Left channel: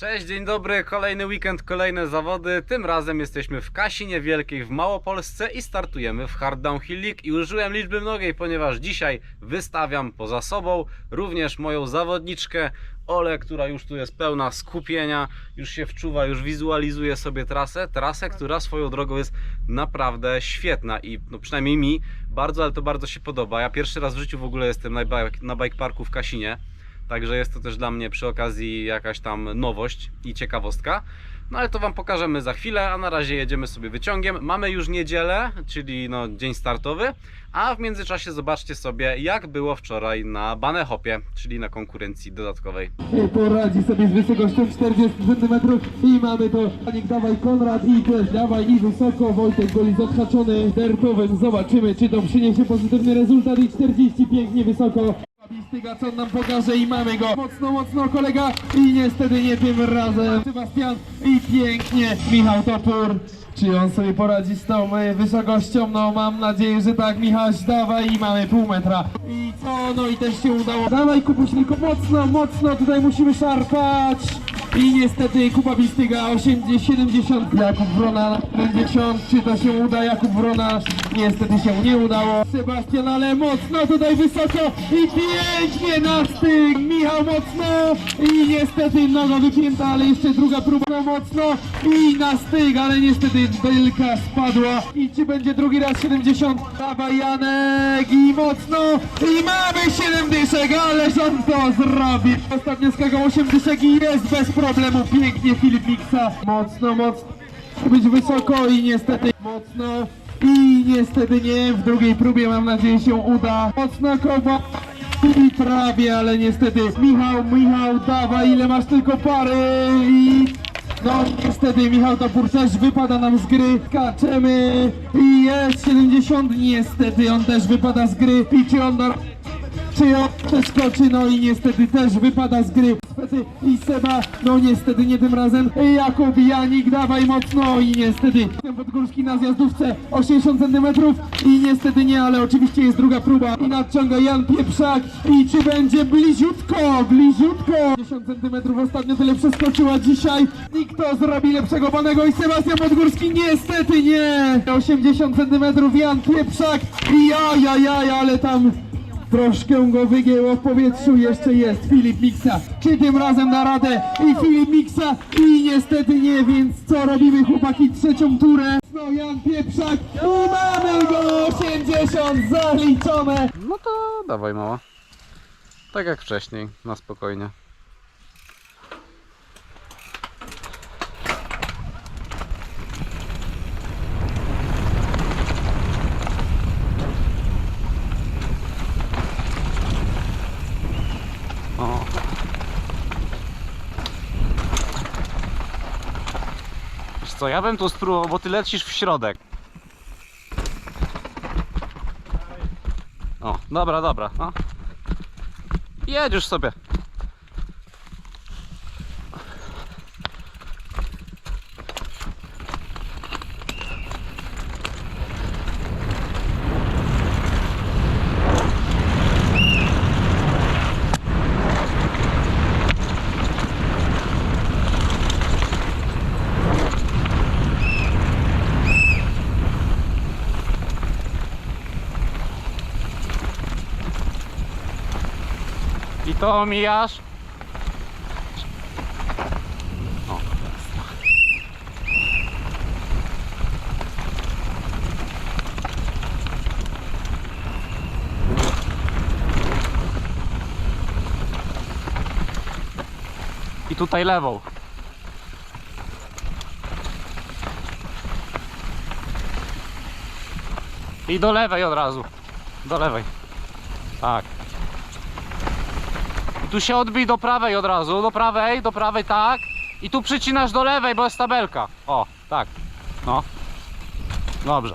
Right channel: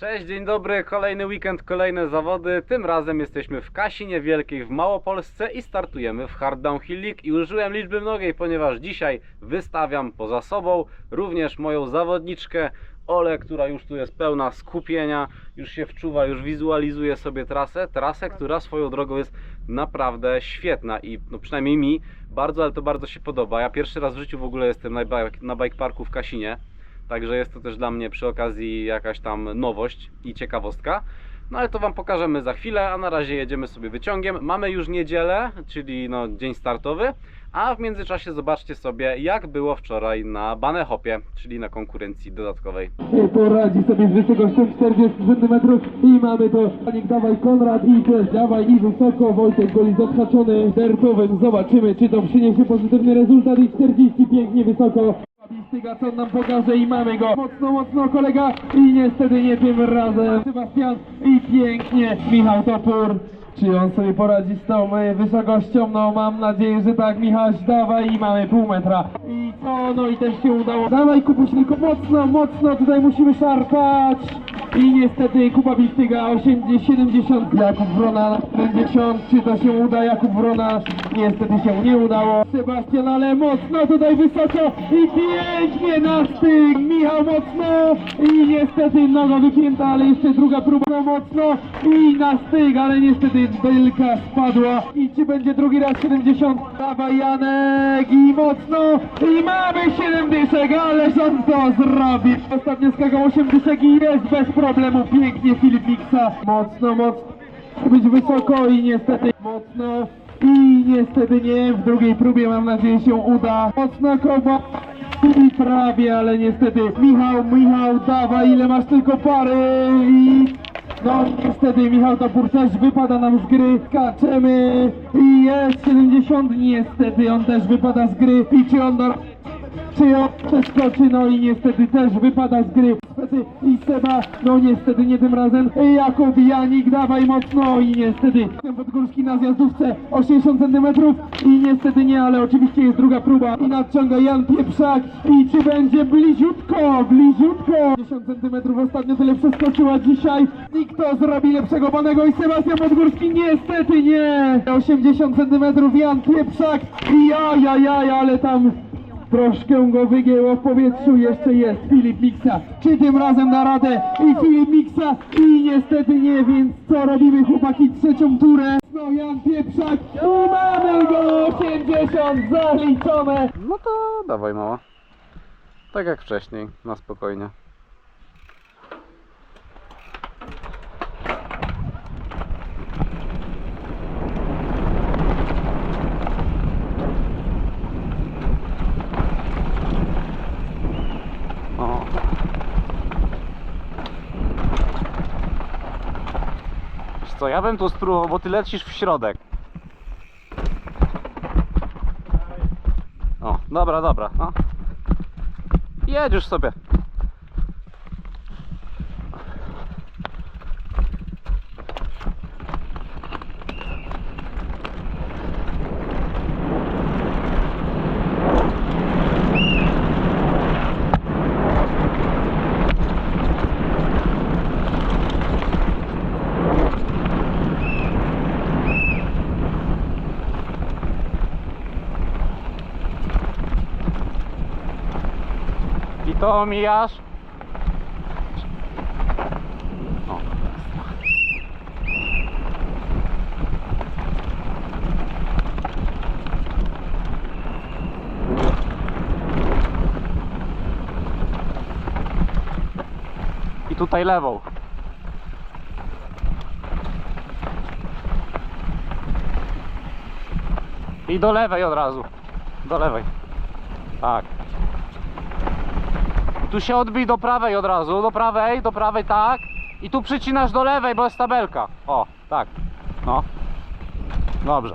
Cześć, dzień dobry, kolejny weekend, kolejne zawody. Tym razem jesteśmy w Kasinie Wielkiej w Małopolsce i startujemy w Hard Downhill League. I użyłem liczby mnogiej, ponieważ dzisiaj wystawiam poza sobą również moją zawodniczkę Ole, która już tu jest pełna skupienia, już się wczuwa, już wizualizuje sobie trasę. Trasę, która swoją drogą jest naprawdę świetna i no przynajmniej mi bardzo, ale to bardzo się podoba. Ja pierwszy raz w życiu w ogóle jestem na bike, na bike parku w Kasinie. Także jest to też dla mnie przy okazji jakaś tam nowość i ciekawostka. No ale to Wam pokażemy za chwilę, a na razie jedziemy sobie wyciągiem. Mamy już niedzielę, czyli no dzień startowy, a w międzyczasie zobaczcie sobie jak było wczoraj na Banehopie, czyli na konkurencji dodatkowej. poradzi sobie z wysokością 40 cm i mamy to Panik dawaj Konrad i też dawaj i wysoko Wojtek goli zahaczony dertowym zobaczymy czy to przyniesie pozytywny rezultat i 40 pięknie wysoko Styga co nam pokaże i mamy go. Mocno mocno kolega. I niestety nie tym razem. Sebastian i pięknie Michał Topór. Czy on sobie poradzi z tą e, wysokością? No mam nadzieję, że tak Michał dawaj i mamy pół metra. I co? No i też się udało. Dawaj Kubuś tylko mocno mocno. Tutaj musimy szarpać i niestety Kuba Bistyga 80, 70, Jakub Wrona 50, czy to się uda? Jakub Wrona niestety się nie udało. Sebastian, ale mocno tutaj wysoko. I pięknie na styk, Michał mocno. I niestety noga wypięta, ale jeszcze druga próba. No mocno. I na styk, ale niestety belka spadła. I czy będzie drugi raz 70? Dawaj Janek. I mocno. I mamy 7 dyszek, ależ on to zrobi. Ostatnio skakał 8 dyszek i jest bez problemu, pięknie Filip Miksa. Mocno, mocno, być wysoko i niestety mocno. I niestety nie, w drugiej próbie mam nadzieję się uda. Mocno koba i prawie, ale niestety. Michał, Michał, dawaj ile masz tylko pary. I no niestety Michał Topór też wypada nam z gry, skaczemy. I jest 70, niestety on też wypada z gry. I czy on da czy on przeskoczy, no i niestety też wypada z gry. I Seba, no niestety nie tym razem. Jakub Janik, dawaj mocno i niestety Podgórski na zjazdówce 80 cm i niestety nie, ale oczywiście jest druga próba i nadciąga Jan Pieprzak i czy będzie bliziutko, bliziutko 10 cm ostatnio tyle przeskoczyła dzisiaj. Nikt to zrobi lepszego panego i Sebastian Podgórski niestety nie. 80 cm Jan Pieprzak i ajajaj, ale tam Troszkę go wygięło w powietrzu, jeszcze jest Filip Miksa. Czy tym razem da radę? I Filip Miksa i niestety nie, więc co robimy chłopaki trzecią turę? No Jan Pieprzak i mamy go 80 zaliczone. No to dawaj mała. Tak jak wcześniej, na spokojnie. Co, ja bym tu spróbował, bo ty lecisz w środek. O, dobra, dobra, no. Jedziesz sobie. Omijasz. O. I tutaj lewą. I do lewej od razu. Do lewej. Tak. Tu się odbij do prawej od razu, do prawej, do prawej, tak. I tu przycinasz do lewej, bo jest tabelka. O, tak. No. Dobrze.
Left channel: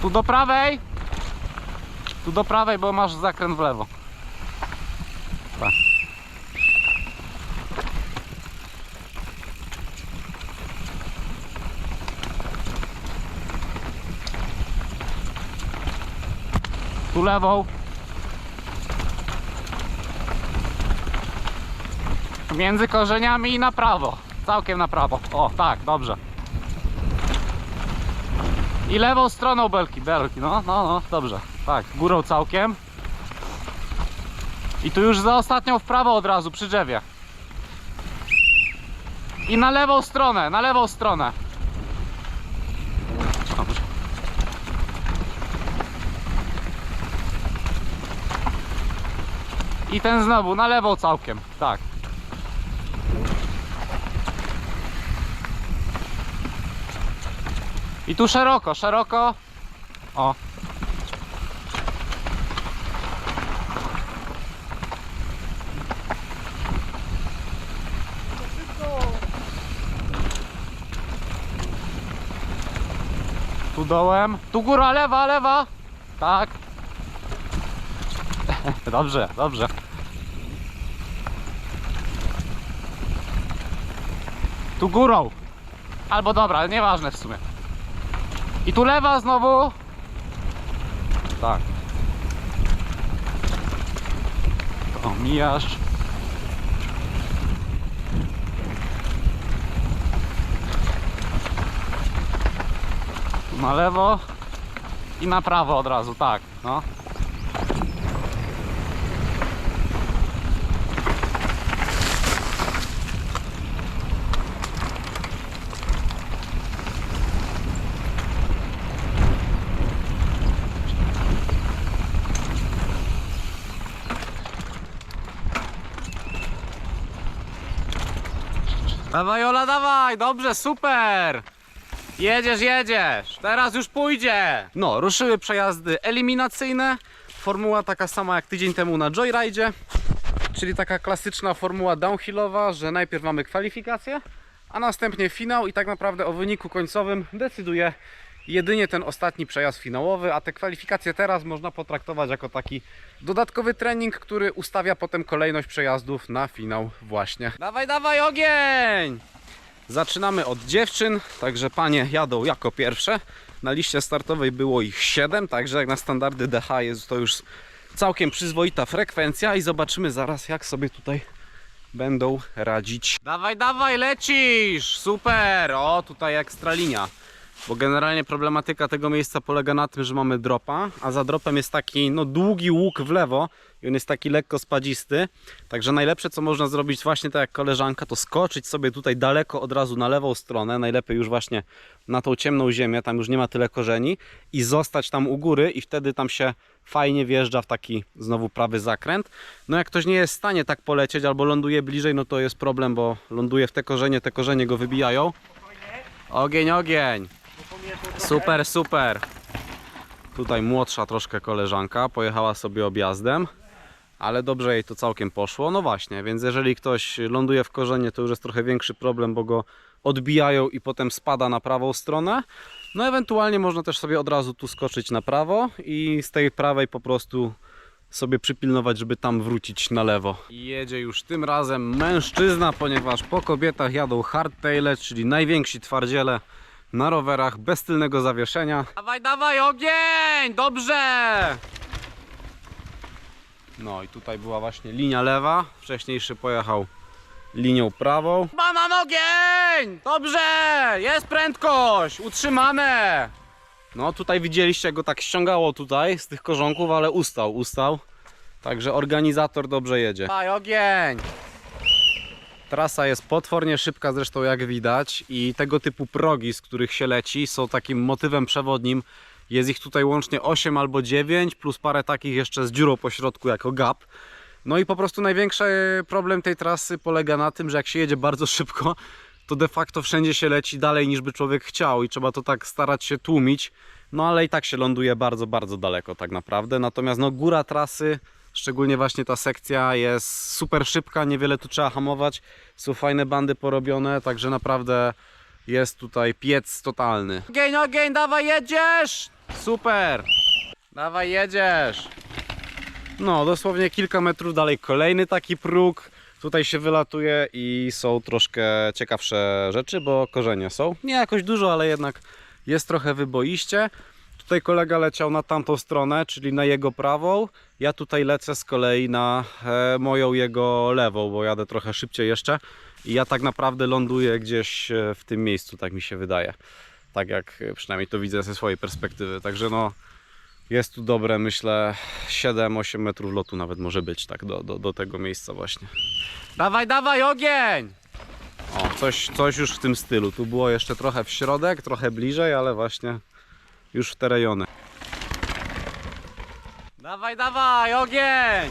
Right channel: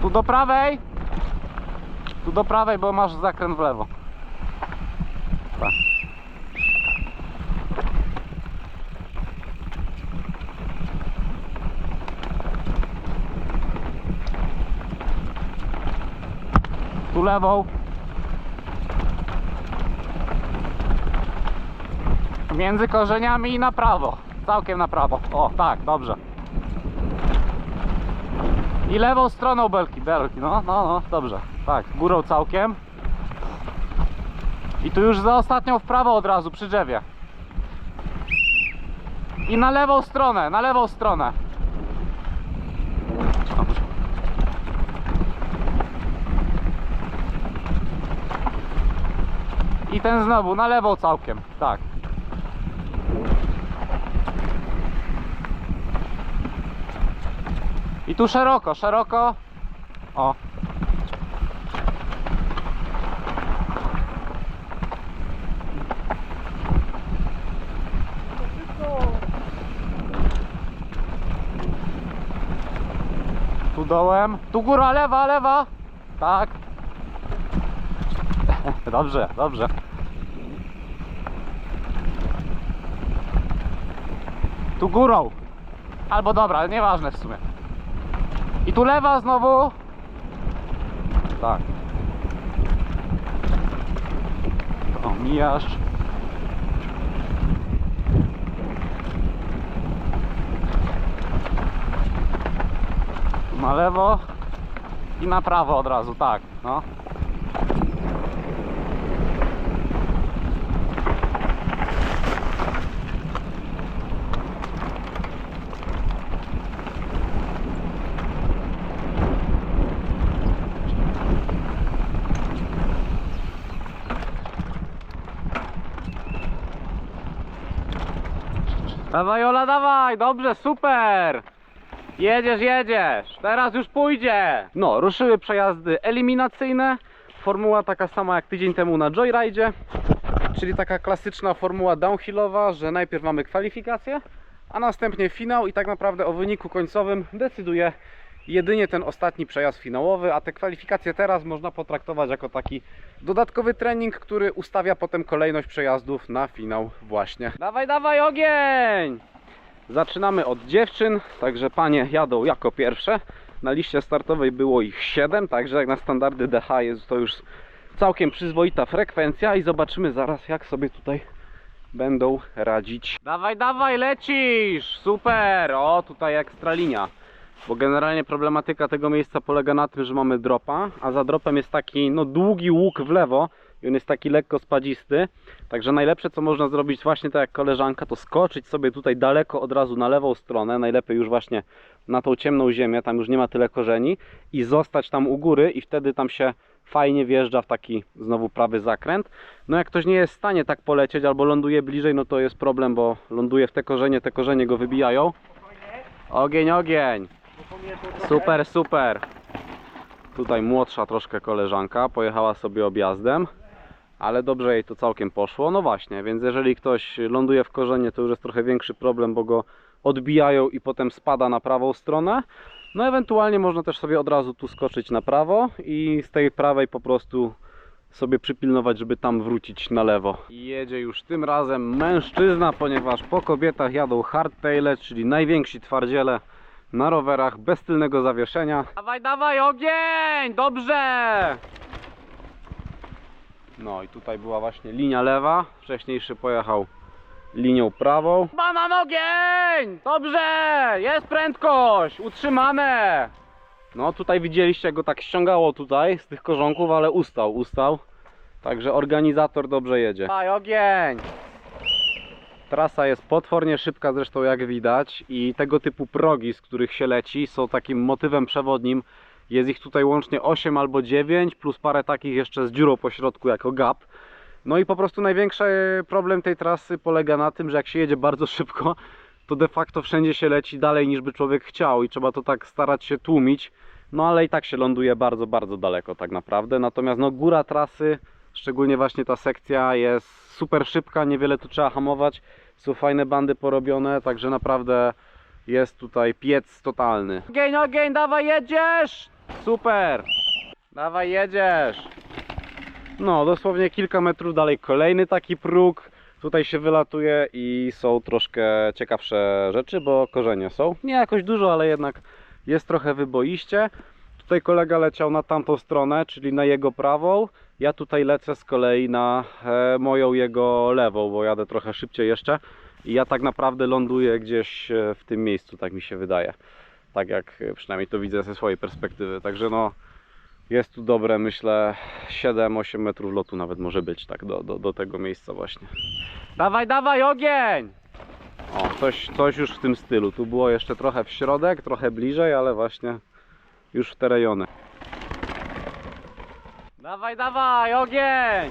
Tu do prawej. Tu do prawej, bo masz zakręt w lewo. Lewą. Między korzeniami i na prawo. Całkiem na prawo. O, tak, dobrze. I lewą stroną belki, belki, no, no, no, dobrze. Tak, górą całkiem. I tu już za ostatnią w prawo od razu, przy drzewie. I na lewą stronę, na lewą stronę. I ten znowu, na lewą całkiem, tak. I tu szeroko, szeroko. O. Tu dołem. Tu góra, lewa, lewa. Tak. Dobrze, dobrze. Tu górą. Albo dobra, ale nieważne w sumie. I tu lewa znowu. Tak. To mijasz. Tu Na lewo i na prawo od razu, tak. No. Dawaj Ola, dawaj, dobrze, super! Jedziesz, jedziesz, teraz już pójdzie! No, ruszyły przejazdy eliminacyjne. Formuła taka sama jak tydzień temu na Joyride, czyli taka klasyczna formuła downhillowa, że najpierw mamy kwalifikacje, a następnie finał i tak naprawdę o wyniku końcowym decyduje jedynie ten ostatni przejazd finałowy, a te kwalifikacje teraz można potraktować jako taki dodatkowy trening, który ustawia potem kolejność przejazdów na finał właśnie. Dawaj, dawaj ogień! Zaczynamy od dziewczyn, także panie jadą jako pierwsze. Na liście startowej było ich 7, także jak na standardy DH jest to już całkiem przyzwoita frekwencja i zobaczymy zaraz jak sobie tutaj będą radzić. Dawaj, dawaj, lecisz! Super! O, tutaj ekstra linia. Bo generalnie problematyka tego miejsca polega na tym, że mamy dropa, a za dropem jest taki no, długi łuk w lewo i on jest taki lekko spadzisty. Także najlepsze co można zrobić właśnie tak jak koleżanka, to skoczyć sobie tutaj daleko od razu na lewą stronę, najlepiej już właśnie na tą ciemną ziemię, tam już nie ma tyle korzeni i zostać tam u góry i wtedy tam się fajnie wjeżdża w taki znowu prawy zakręt. No jak ktoś nie jest w stanie tak polecieć albo ląduje bliżej, no to jest problem, bo ląduje w te korzenie, te korzenie go wybijają. Ogień, ogień! Super, super. Tutaj młodsza troszkę koleżanka pojechała sobie objazdem, ale dobrze jej to całkiem poszło. No właśnie, więc jeżeli ktoś ląduje w korzenie, to już jest trochę większy problem, bo go odbijają i potem spada na prawą stronę. No ewentualnie można też sobie od razu tu skoczyć na prawo i z tej prawej po prostu sobie przypilnować, żeby tam wrócić na lewo. Jedzie już tym razem mężczyzna, ponieważ po kobietach jadą hardtaile, czyli najwięksi twardziele na rowerach bez tylnego zawieszenia. Dawaj, dawaj, ogień! Dobrze! No i tutaj była właśnie linia lewa. Wcześniejszy pojechał linią prawą. Banan ogień! Dobrze! Jest prędkość! Utrzymane! No tutaj widzieliście, jak go tak ściągało tutaj z tych korzonków, ale ustał, ustał. Także organizator dobrze jedzie. Dawaj, ogień! Trasa jest potwornie szybka zresztą jak widać i tego typu progi, z których się leci są takim motywem przewodnim. Jest ich tutaj łącznie 8 albo 9 plus parę takich jeszcze z dziurą po środku jako gap. No i po prostu największy problem tej trasy polega na tym, że jak się jedzie bardzo szybko, to de facto wszędzie się leci dalej niż by człowiek chciał i trzeba to tak starać się tłumić. No ale i tak się ląduje bardzo, bardzo daleko tak naprawdę. Natomiast no góra trasy, szczególnie właśnie ta sekcja jest super szybka, niewiele tu trzeba hamować. Są fajne bandy porobione, także naprawdę jest tutaj piec totalny. Ogień, ogień, dawaj jedziesz! Super! Dawaj jedziesz! No, dosłownie kilka metrów dalej kolejny taki próg. Tutaj się wylatuje i są troszkę ciekawsze rzeczy, bo korzenie są. Nie jakoś dużo, ale jednak jest trochę wyboiście. Tutaj kolega leciał na tamtą stronę, czyli na jego prawą. Ja tutaj lecę z kolei na e, moją jego lewą, bo jadę trochę szybciej jeszcze. I ja tak naprawdę ląduję gdzieś e, w tym miejscu, tak mi się wydaje. Tak jak e, przynajmniej to widzę ze swojej perspektywy. Także no, jest tu dobre, myślę, 7-8 metrów lotu nawet może być, tak, do, do, do tego miejsca właśnie. Dawaj, dawaj, ogień! O, coś, coś już w tym stylu. Tu było jeszcze trochę w środek, trochę bliżej, ale właśnie już w te rejony. Dawaj, dawaj, ogień!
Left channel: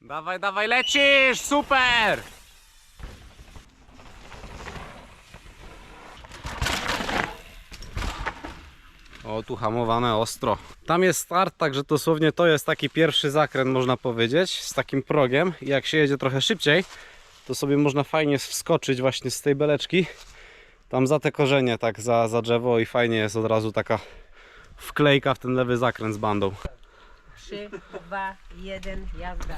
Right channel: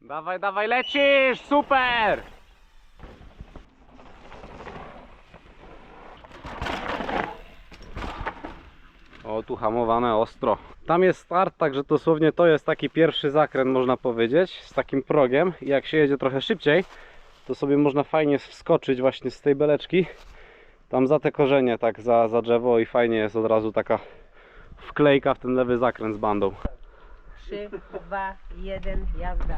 Dawaj, dawaj, lecisz! Super! O, tu hamowane ostro. Tam jest start, także dosłownie to jest taki pierwszy zakręt, można powiedzieć, z takim progiem. I jak się jedzie trochę szybciej, to sobie można fajnie wskoczyć właśnie z tej beleczki. Tam za te korzenie, tak za, za drzewo i fajnie jest od razu taka wklejka w ten lewy zakręt z bandą. 3, 2, 1, jazda.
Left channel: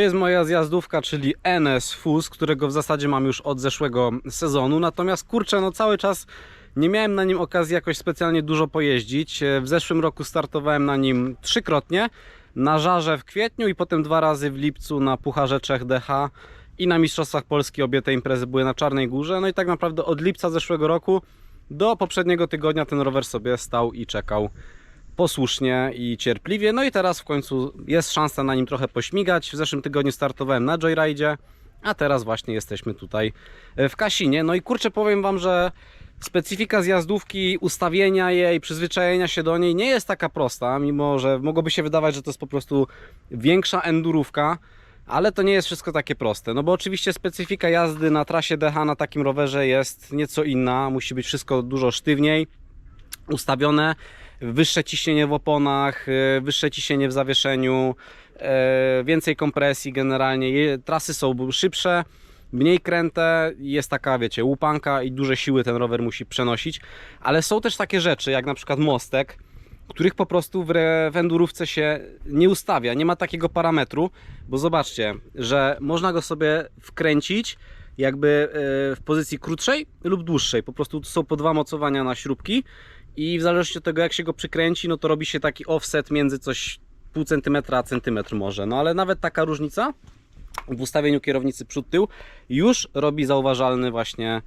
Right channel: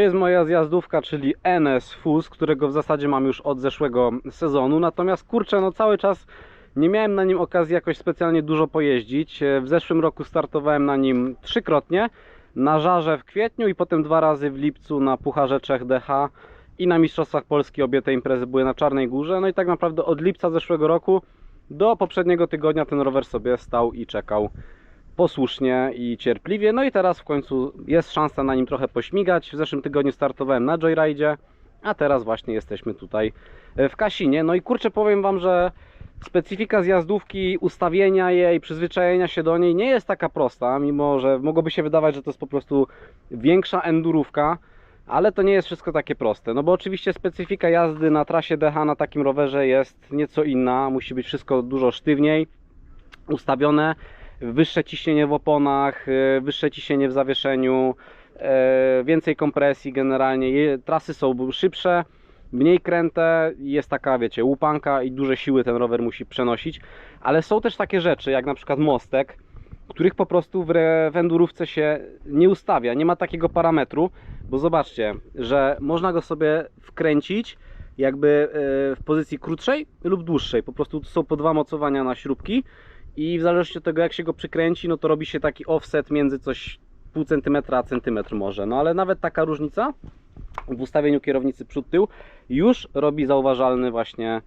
Jest moja zjazdówka, czyli NS Fus, którego w zasadzie mam już od zeszłego sezonu. Natomiast kurczę, no cały czas nie miałem na nim okazji jakoś specjalnie dużo pojeździć. E, W zeszłym roku startowałem na nim trzykrotnie. Na żarze w kwietniu i potem dwa razy w lipcu na Pucharze Czech DH i na Mistrzostwach Polski obie te imprezy były na Czarnej Górze. No i tak naprawdę od lipca zeszłego roku do poprzedniego tygodnia ten rower sobie stał i czekał posłusznie i cierpliwie. No i teraz w końcu jest szansa na nim trochę pośmigać. W zeszłym tygodniu startowałem na Joyride, a teraz właśnie jesteśmy tutaj e, w Kasinie. No i kurczę, powiem Wam, że specyfika zjazdówki, ustawienia jej, przyzwyczajenia się do niej nie jest taka prosta, mimo że mogłoby się wydawać, że to jest po prostu większa endurówka. Ale to nie jest wszystko takie proste, no bo oczywiście specyfika jazdy na trasie DH na takim rowerze jest nieco inna, musi być wszystko dużo sztywniej ustawione, wyższe ciśnienie w oponach, e, wyższe ciśnienie w zawieszeniu, e, więcej kompresji generalnie, trasy są szybsze, mniej kręte, jest taka wiecie łupanka i duże siły ten rower musi przenosić, ale są też takie rzeczy jak na przykład mostek, których po prostu w, re- w endurówce się nie ustawia, nie ma takiego parametru, bo zobaczcie, że można go sobie wkręcić jakby e, w pozycji krótszej lub dłuższej, po prostu są po dwa mocowania na śrubki i w zależności od tego jak się go przykręci, no to robi się taki offset między coś pół centymetra a centymetr może, no ale nawet taka różnica w ustawieniu kierownicy przód-tył już robi zauważalny właśnie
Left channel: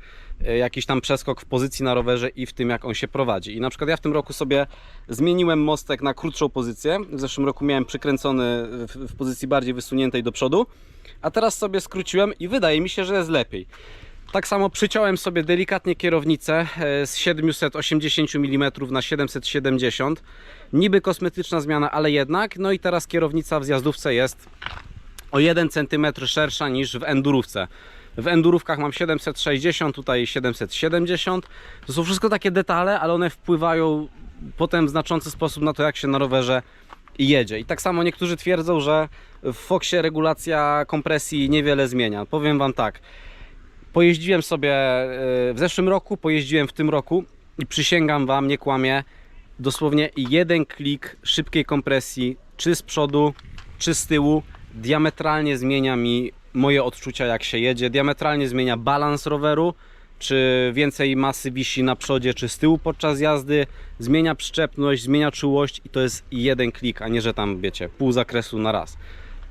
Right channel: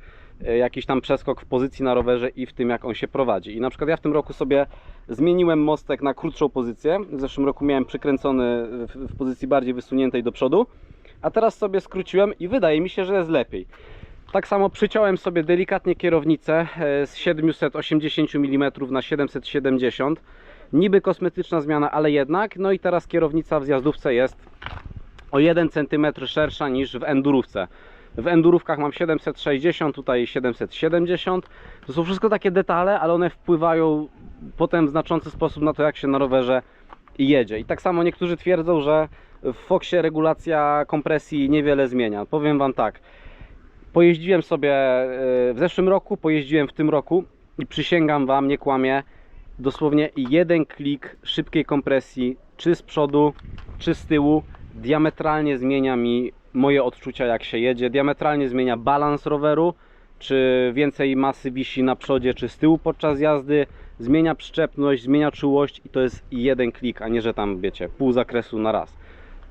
e, jakiś tam przeskok w pozycji na rowerze i w tym, jak on się prowadzi. I na przykład ja w tym roku sobie zmieniłem mostek na krótszą pozycję. W zeszłym roku miałem przykręcony w, w pozycji bardziej wysuniętej do przodu, a teraz sobie skróciłem i wydaje mi się, że jest lepiej. Tak samo przyciąłem sobie delikatnie kierownicę e, z 780 mm na 770 Niby kosmetyczna zmiana, ale jednak. No i teraz kierownica w zjazdówce jest o 1 cm szersza niż w endurówce. W endurówkach mam 760, tutaj 770. To są wszystko takie detale, ale one wpływają potem w znaczący sposób na to, jak się na rowerze jedzie. I tak samo niektórzy twierdzą, że w Foxie regulacja kompresji niewiele zmienia. Powiem Wam tak. Pojeździłem sobie e, w zeszłym roku, pojeździłem w tym roku i przysięgam Wam, nie kłamię, dosłownie jeden klik szybkiej kompresji, czy z przodu, czy z tyłu, diametralnie zmienia mi moje odczucia, jak się jedzie. Diametralnie zmienia balans roweru, czy więcej masy wisi na przodzie, czy z tyłu podczas jazdy. Zmienia przyczepność, zmienia czułość i to jest jeden klik, a nie, że tam wiecie, pół zakresu na raz.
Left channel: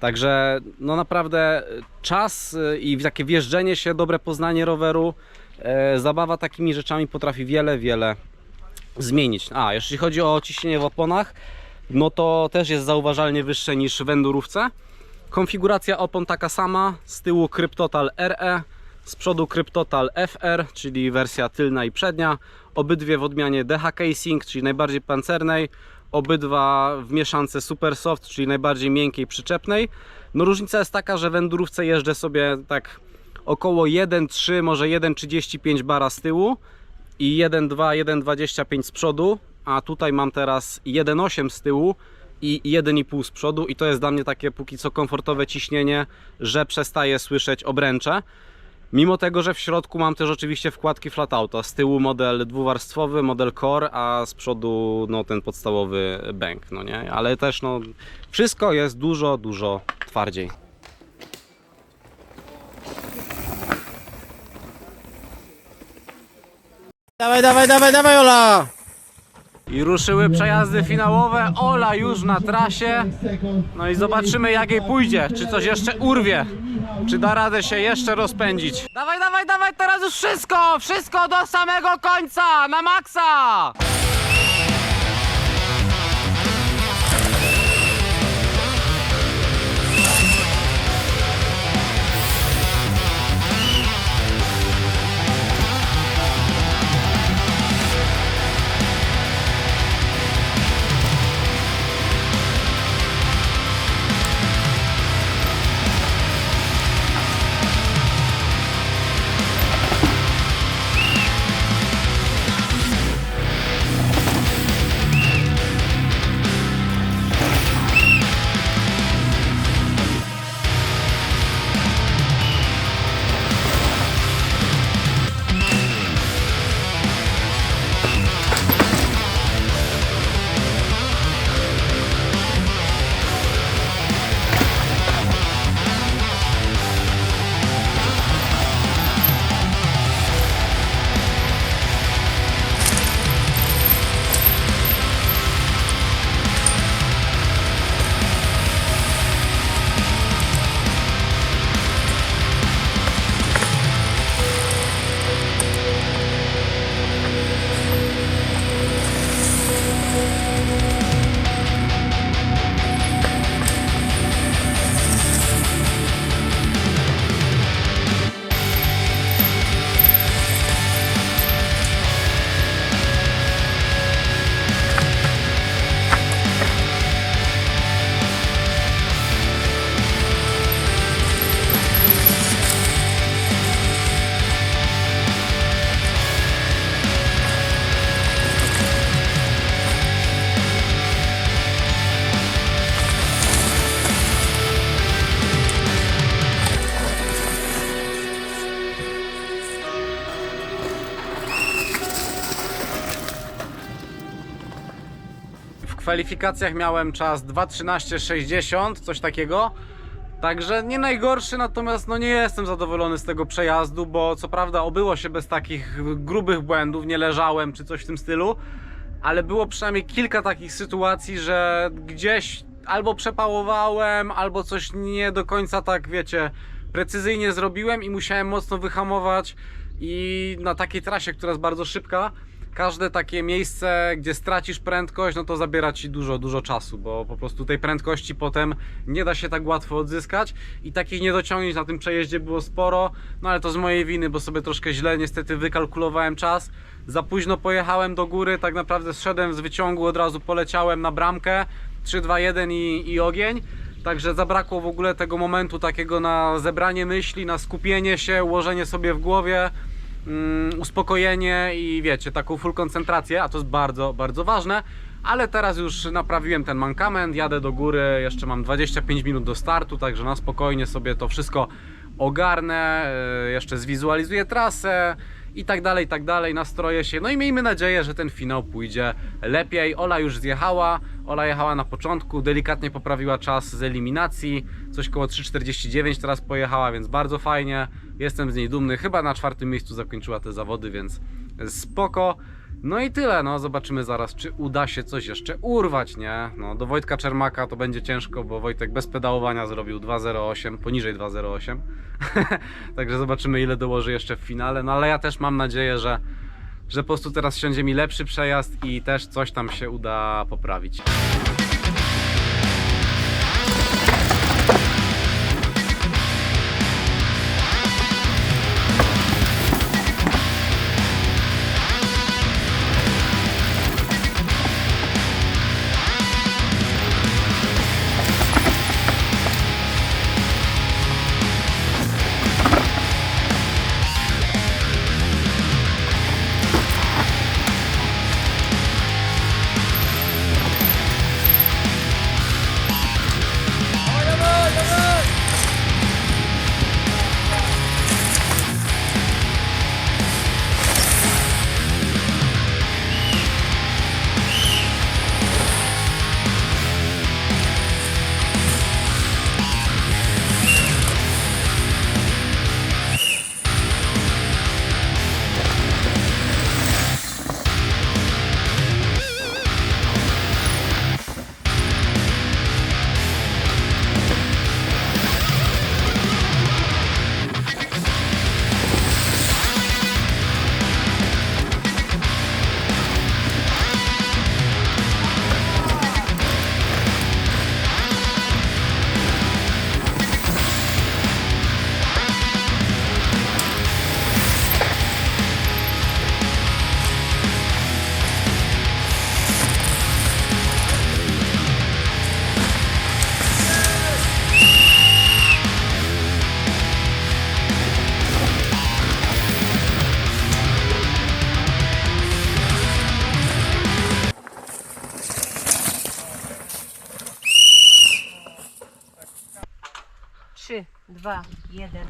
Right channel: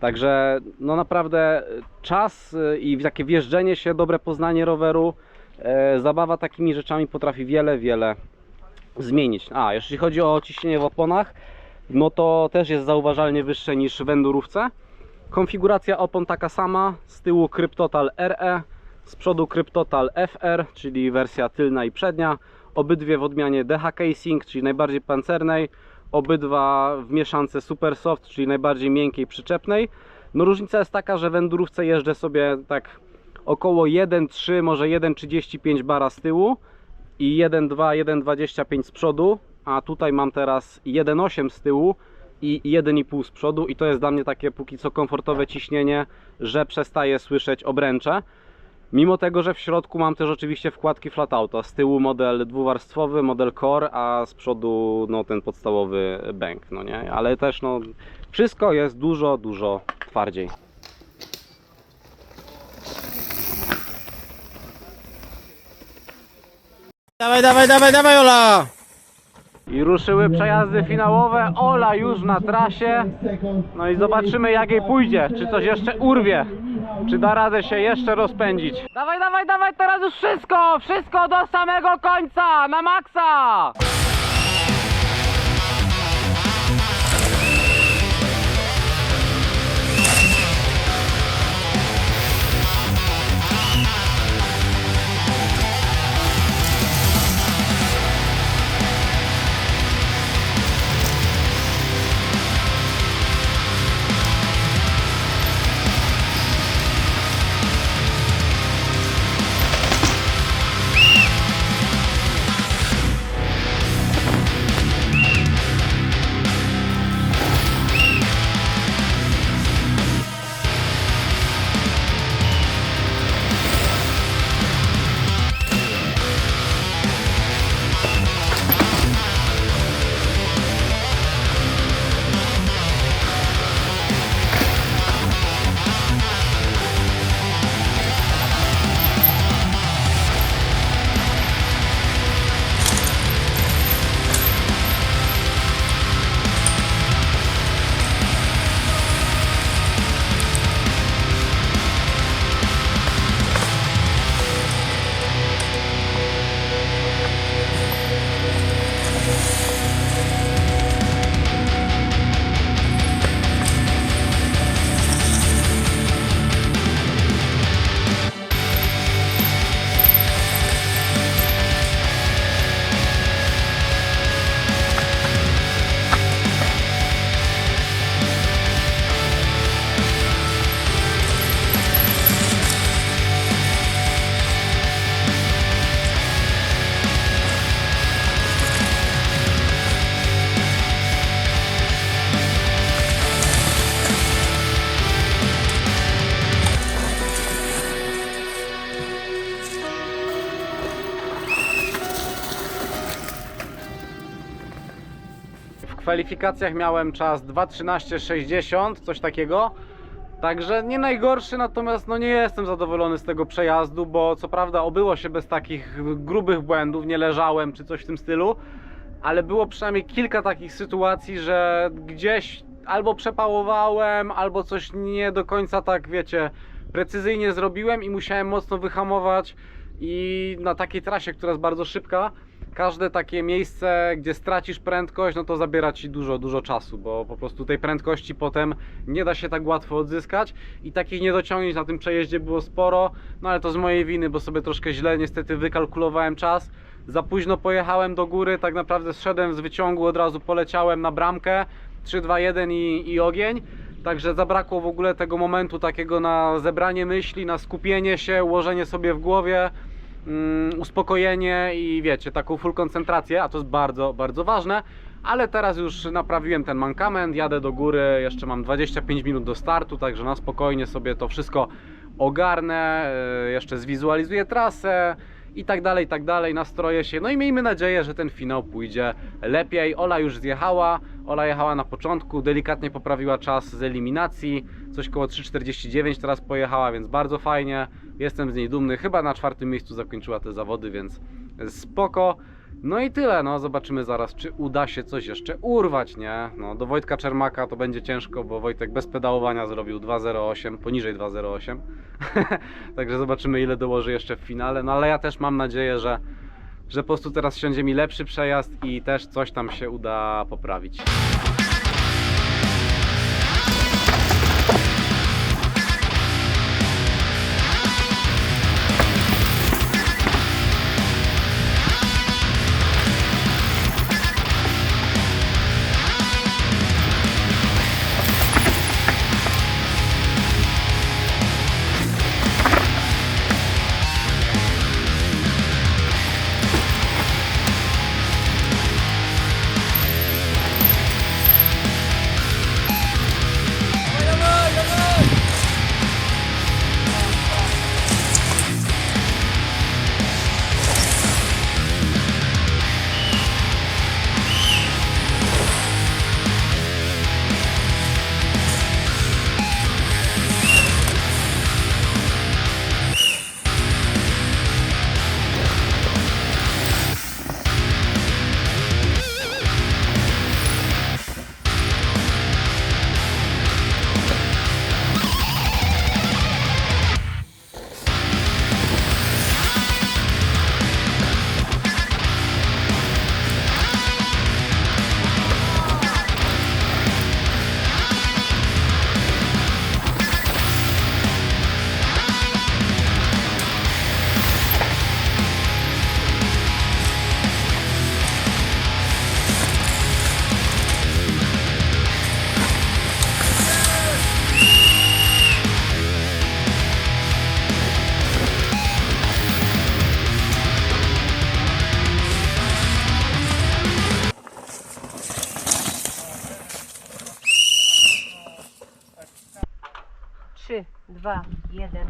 Także no naprawdę czas y, i takie wjeżdżenie się, dobre poznanie roweru, e, zabawa takimi rzeczami potrafi wiele, wiele zmienić. A, jeśli chodzi o ciśnienie w oponach, no to też jest zauważalnie wyższe niż w endurówce. Konfiguracja opon taka sama, z tyłu Kryptotal RE, z przodu Kryptotal FR, czyli wersja tylna i przednia. Obydwie w odmianie DH Casing, czyli najbardziej pancernej. Obydwa w mieszance Super Soft, czyli najbardziej miękkiej, przyczepnej. No różnica jest taka, że w jeżdżę sobie tak około 1,3, może 1,35 bara z tyłu i 1,2, 1,25 z przodu, a tutaj mam teraz 1,8 z tyłu i 1,5 z przodu i to jest dla mnie takie póki co komfortowe ciśnienie, że przestaję słyszeć obręcze. Mimo tego, że w środku mam też oczywiście wkładki flat auto. Z tyłu model dwuwarstwowy, model core, a z przodu no, ten podstawowy bęk, no nie? Ale też no, wszystko jest dużo, dużo twardziej. Dawaj, dawaj, dawaj, dawaj, Ola! I ruszyły przejazdy finałowe. Ola już na trasie. No i zobaczymy jak jej pójdzie. Czy coś jeszcze urwie. Czy da radę się jeszcze rozpędzić. Dawaj, dawaj, dawaj, teraz już wszystko! Wszystko do samego końca! Na maksa! Kwalifikacjach miałem czas 2.13.60, coś takiego. Także nie najgorszy, natomiast no nie jestem zadowolony z tego przejazdu, bo co prawda obyło się bez takich grubych błędów, nie leżałem czy coś w tym stylu, ale było przynajmniej kilka takich sytuacji, że gdzieś albo przepałowałem, albo coś nie do końca tak, wiecie, precyzyjnie zrobiłem i musiałem mocno wyhamować i na takiej trasie, która jest bardzo szybka, każde takie miejsce, gdzie stracisz prędkość, no to zabiera ci dużo, dużo czasu, bo po prostu tej prędkości potem nie da się tak łatwo odzyskać i takich niedociągnięć na tym przejeździe było sporo, no ale to z mojej winy, bo sobie troszkę źle niestety wykalkulowałem czas. Za późno pojechałem do góry, tak naprawdę zszedłem z wyciągu, od razu poleciałem na bramkę 3, 2, 1 i, i ogień. Także zabrakło w ogóle tego momentu takiego na zebranie myśli, na skupienie się, ułożenie sobie w głowie, mm, uspokojenie i wiecie, taką full koncentrację, a to jest bardzo, bardzo ważne. Ale teraz już naprawiłem ten mankament, jadę do góry, jeszcze mam 25 minut do startu, także na spokojnie sobie to wszystko ogarnę, e, jeszcze zwizualizuję trasę i tak dalej, i tak dalej, nastroję się. No i miejmy nadzieję, że ten finał pójdzie lepiej. Ola już zjechała, Ola jechała na początku, delikatnie poprawiła czas z eliminacji, coś koło 3.49 teraz pojechała, więc bardzo fajnie. Jestem z niej dumny, chyba na czwartym miejscu zakończyła te zawody, więc spoko. No i tyle, no zobaczymy zaraz, czy uda się coś jeszcze urwać, nie? No do Wojtka Czermaka to będzie ciężko, bo Wojtek bez pedałowania zrobił 2.08, poniżej 2.08. Także zobaczymy ile dołoży jeszcze w finale, no ale ja też mam nadzieję, że, że po prostu teraz siądzie mi lepszy przejazd i też coś tam się uda poprawić. Jeden,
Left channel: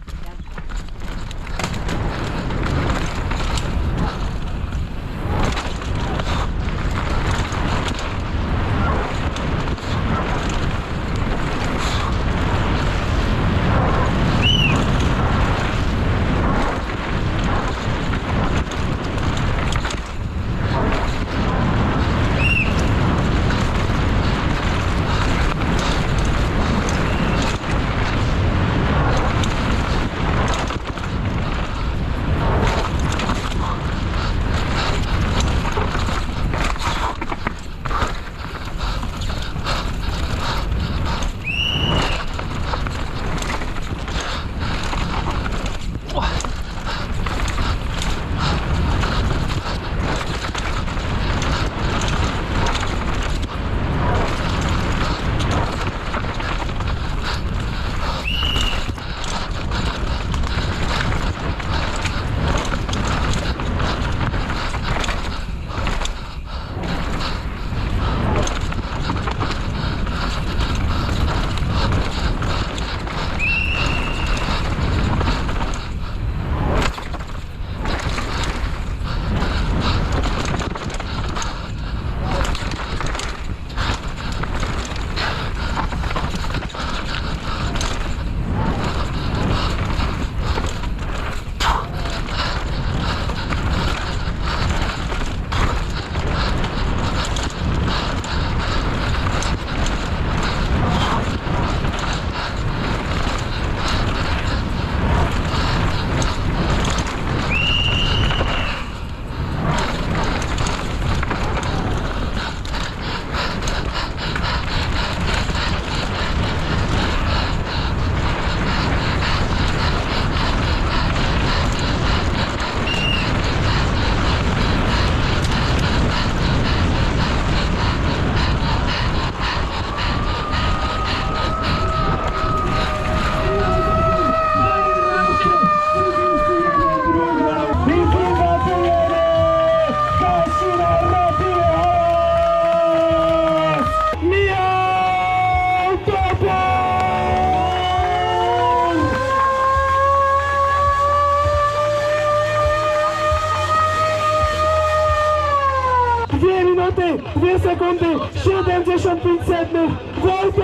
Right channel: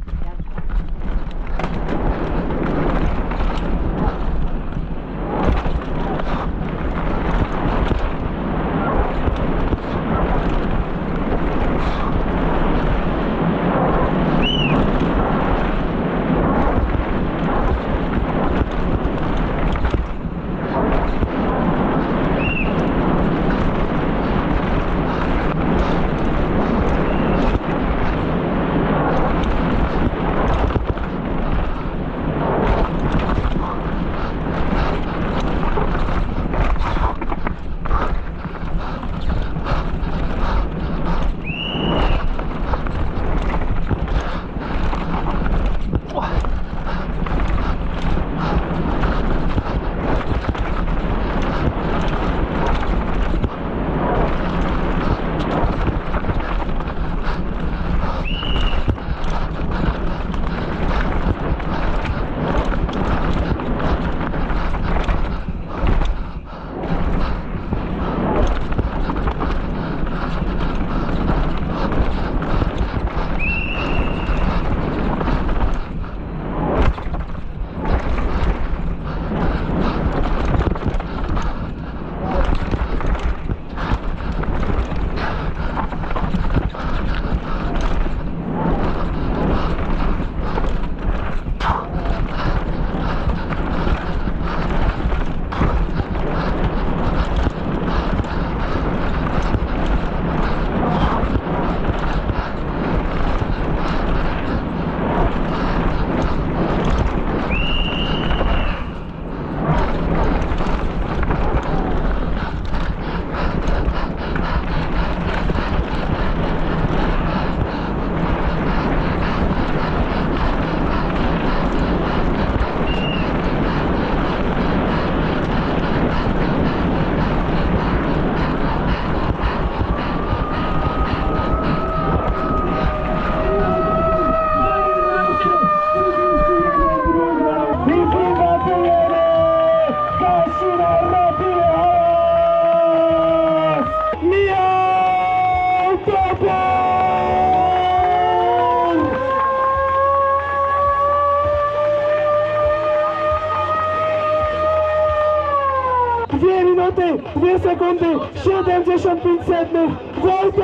sekundy, 75 setnych, Wojtek!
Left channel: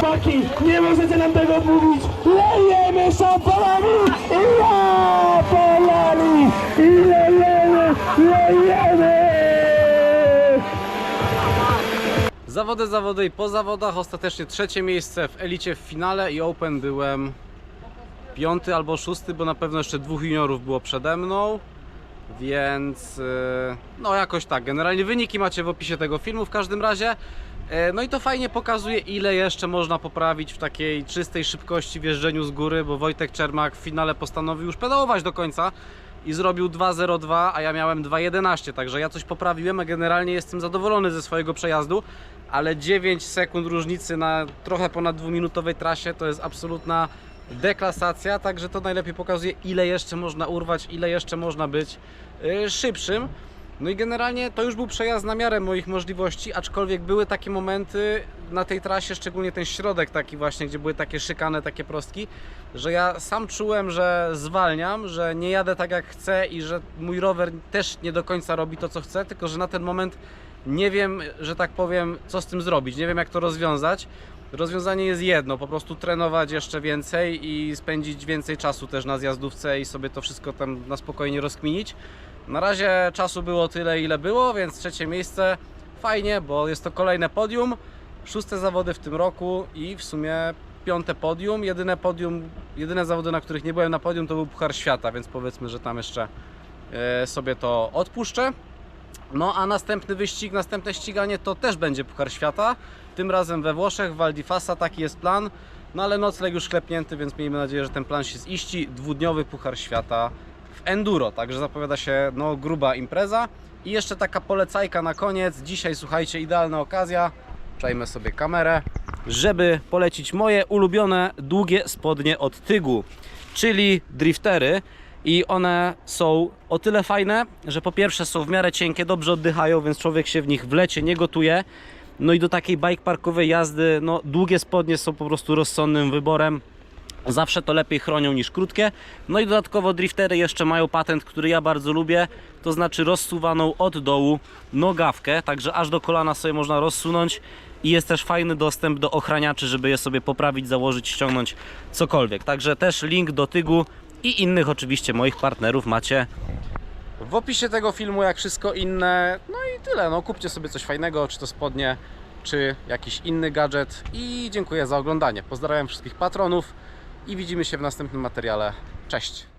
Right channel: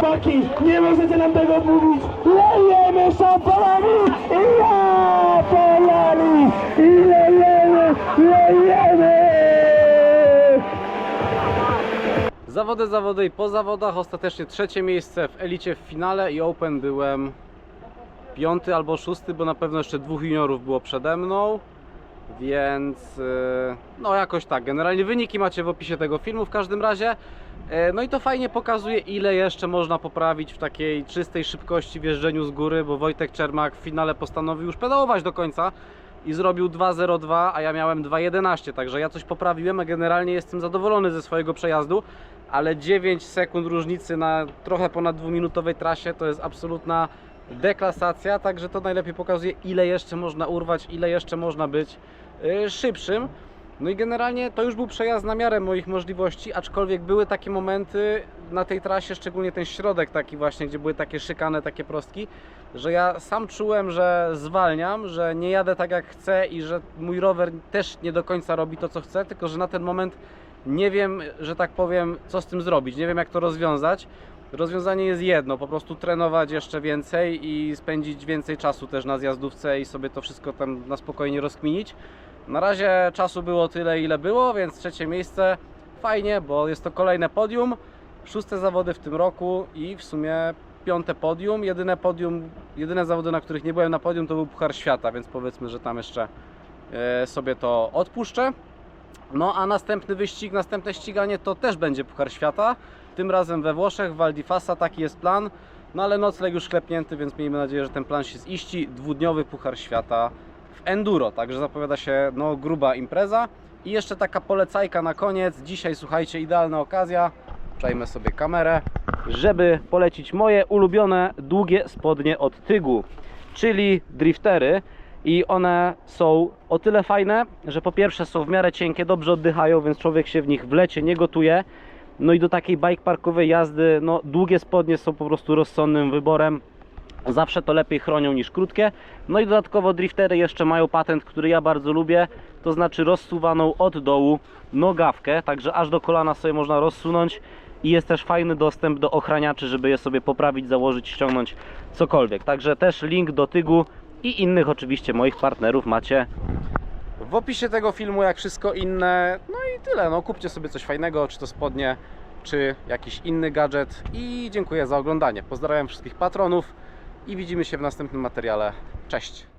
Chłopaki, nie możecie nam tego odmówić. Lejemy szampanami i ja polali i lejemy, lejemy. Zawody, zawody i po zawodach. Ostatecznie trzecie miejsce w elicie w finale i Open byłem piąty albo szósty, bo na pewno jeszcze dwóch juniorów było przede mną. Więc yy, no jakoś tak. Generalnie wyniki macie w opisie tego filmu w każdym razie. E, No i to fajnie pokazuje, ile jeszcze można poprawić w takiej czystej szybkości w jeżdżeniu z góry, bo Wojtek Czermak w finale postanowił już pedałować do końca i zrobił 2.02, a ja miałem 2.11, także ja coś poprawiłem, a generalnie jestem zadowolony ze swojego przejazdu, ale 9 sekund różnicy na trochę ponad dwuminutowej trasie to jest absolutna deklasacja, także to najlepiej pokazuje, ile jeszcze można urwać, ile jeszcze można być yy, szybszym. No i generalnie to już był przejazd na miarę moich możliwości, aczkolwiek były takie momenty na tej trasie, szczególnie ten środek taki właśnie, gdzie były takie szykane, takie prostki, że ja sam czułem, że zwalniam, że nie jadę tak jak chcę i że mój rower też nie do końca robi to co chce, tylko że na ten moment nie wiem, że tak powiem, co z tym zrobić, nie wiem jak to rozwiązać. Rozwiązanie jest jedno, po prostu trenować jeszcze więcej i spędzić więcej czasu też na zjazdówce i sobie to wszystko tam na spokojnie rozkminić. Na razie czasu było tyle, ile było, więc trzecie miejsce fajnie, bo jest to kolejne podium. Szóste zawody w tym roku i w sumie piąte podium. Jedyne podium, jedyne zawody, na których nie byłem na podium, to był Puchar Świata, więc powiedzmy, że tam jeszcze e, sobie to odpuszczę. No a następny wyścig, następne ściganie to też będzie Puchar Świata. Tym razem we Włoszech, w Val di Fassa, taki jest plan. No ale nocleg już klepnięty, więc miejmy nadzieję, że ten plan się ziści. Dwudniowy Puchar Świata w enduro, także zapowiada się no, gruba impreza. I jeszcze taka polecajka na koniec. Dzisiaj słuchajcie, idealna okazja. Przejmę sobie kamerę, żeby polecić moje ulubione długie spodnie od Tygu, czyli driftery. I one są o tyle fajne, że po pierwsze są w miarę cienkie, dobrze oddychają, więc człowiek się w nich w lecie nie gotuje. No i do takiej bike parkowej jazdy, no długie spodnie są po prostu rozsądnym wyborem. Zawsze to lepiej chronią niż krótkie. No i dodatkowo driftery jeszcze mają patent, który ja bardzo lubię, to znaczy rozsuwaną od dołu nogawkę, także aż do kolana sobie można rozsunąć i jest też fajny dostęp do ochraniaczy, żeby je sobie poprawić, założyć, ściągnąć, cokolwiek. Także też link do Tygu i innych oczywiście moich partnerów macie w opisie tego filmu, jak wszystko inne. No i tyle, no kupcie sobie coś fajnego, czy to spodnie, czy jakiś inny gadżet i dziękuję za oglądanie. Pozdrawiam wszystkich patronów i widzimy się w następnym materiale. Cześć!